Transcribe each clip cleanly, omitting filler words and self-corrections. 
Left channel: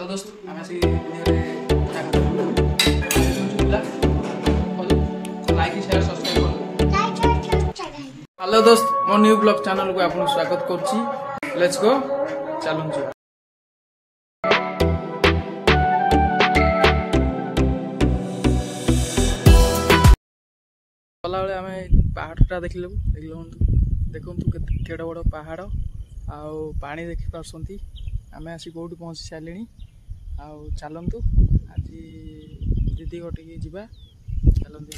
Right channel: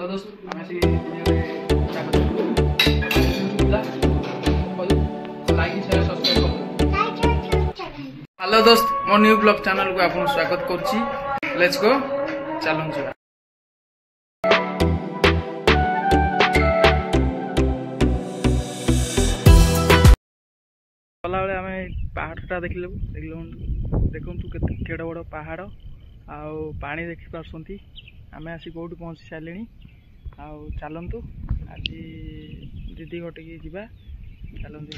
Hello दोस्त आम से लाइक शेयर सब्सक्राइब कर। हेलो दोस्त मो न्यू ब्लॉग चैनल को आपन स्वागत करछि। लेट्स गो चलन जी। गला बेले आम पहाड़टा देखल देखु केड़ बड़ पहाड़ आउ पानी देखी पार्टी आम आसी कौटी पहुँची सारे आउ चलतु आज दीदी घटिकी जा चलते।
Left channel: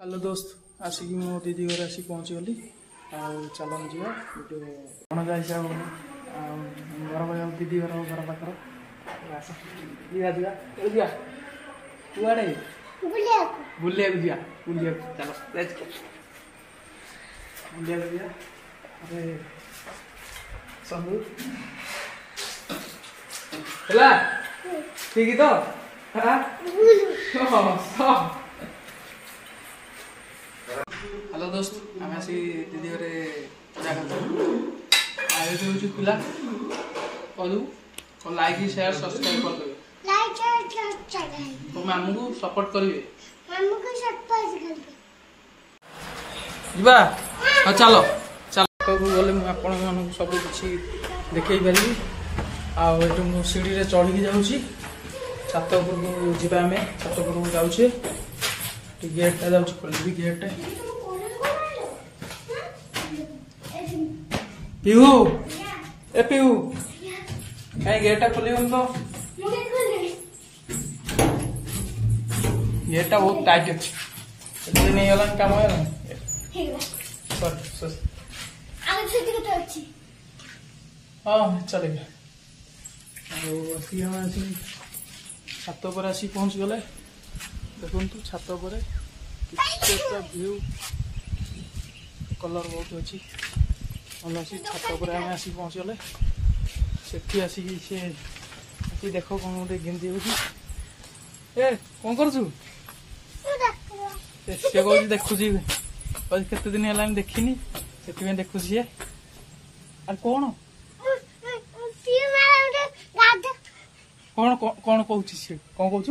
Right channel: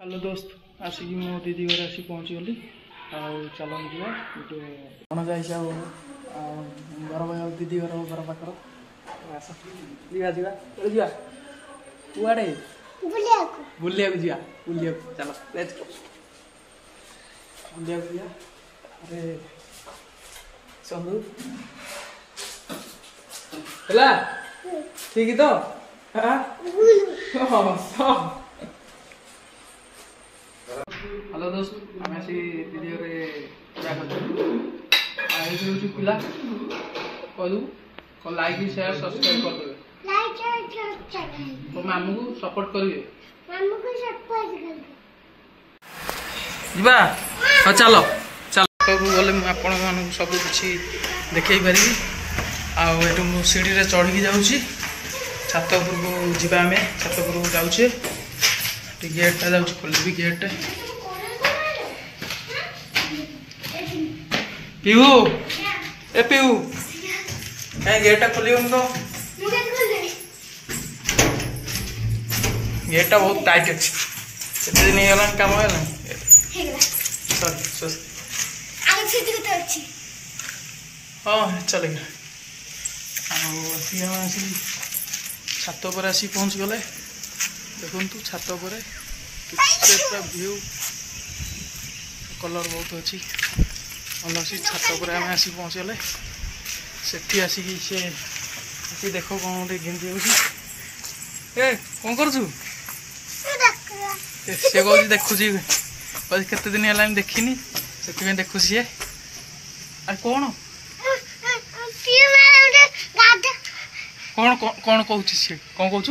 हेलो दोस्त आसिक मो दीदी घर आसी पहुँची गली आउ चलन जा गोटे भणजा हिसाब घर भाई दीदी घर घर पाखर जा कुआड़े बुलिया चलो लेट्स गो बुलिया अरे संदू ହେଲା ठीक तो हेलो दोस्त आम आसी दीदी घरे पूजा कर पिला कहू लाइक शेयर सब्सक्राइब कर देबे तो मामू को सपोर्ट करिवे जीवा हाँ चलो चलो गले आपण मान सब किसी देखई पारि आठू सीढ़ी रे चढ़ी जाऊँगी छात उपर को जीवा आम छात उपर को जाऊे गेटा जाऊँ खोलि गेट पीहू ए पीहू कहीं गेटा खोल तो गेटा बहुत टाइट अच्छे से दिन होगा कम सॉरी हाँ चलेगा आसी छात पर आसी पहुँच गले देखु छात पर पूरा व्यू कलर बहुत अच्छी भल अच्छी छात पर आम आसी पहुँच गले से आसिक से देख कौन गोटे गिंदी ए कौन करू सी कह देखुची केते दिन है देखनी से देखु सी आ कौन कौन कौन कहूँ सी कौन कहूँ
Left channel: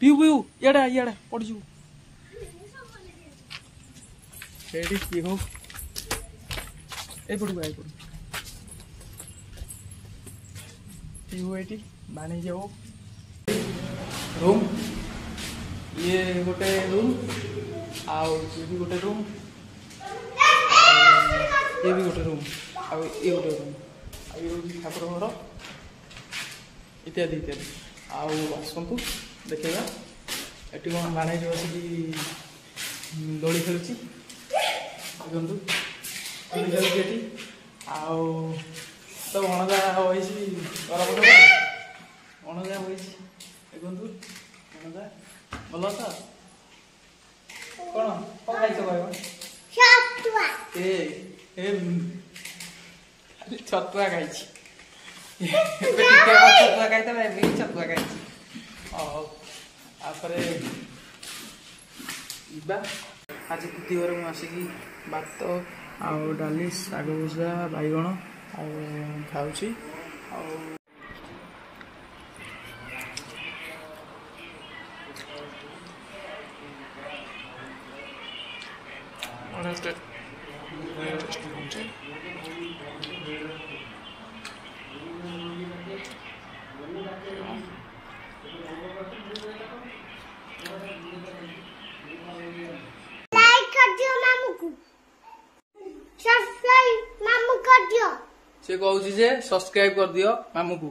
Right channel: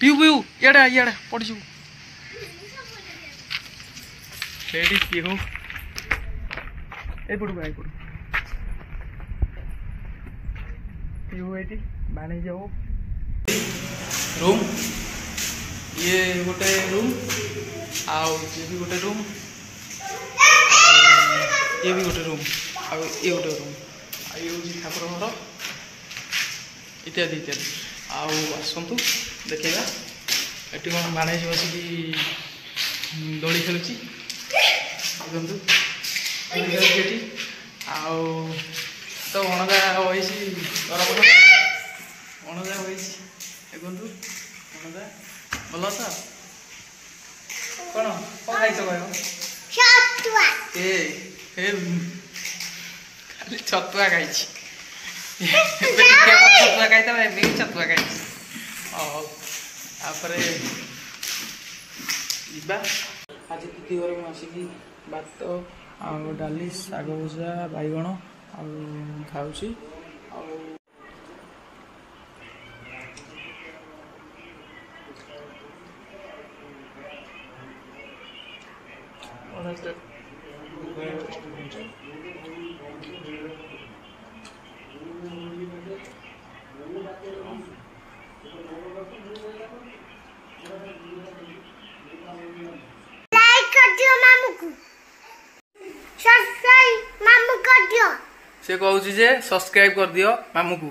पीऊ पीऊ इड़ा इड़ा पड़ जाऊ पीऊ एपटू एपटू पीऊ ये बाणी जाओ रूम ये गोटे रूम आउ ये भी गोटे रूम ये भी गोटे रूम आउ ये गोटे रूम ये हूँ ठाकुर घर इत्यादि इत्यादि आउ आसतु देखा ये कौन बाणेज बसिक दोली खेलुची देखु ये आउ तो भणजा वही गरम भणजा वही देखु भणजा भल तो कौन कौन खाई कह खाली छतुआ खाई छतुआ खाई छतुआ खाई आज दीदी घर मुझे भात आउ डाली शाग भजा बैगण खाऊँ से कहूँ जे सब्सक्राइब कर दियो मामू को।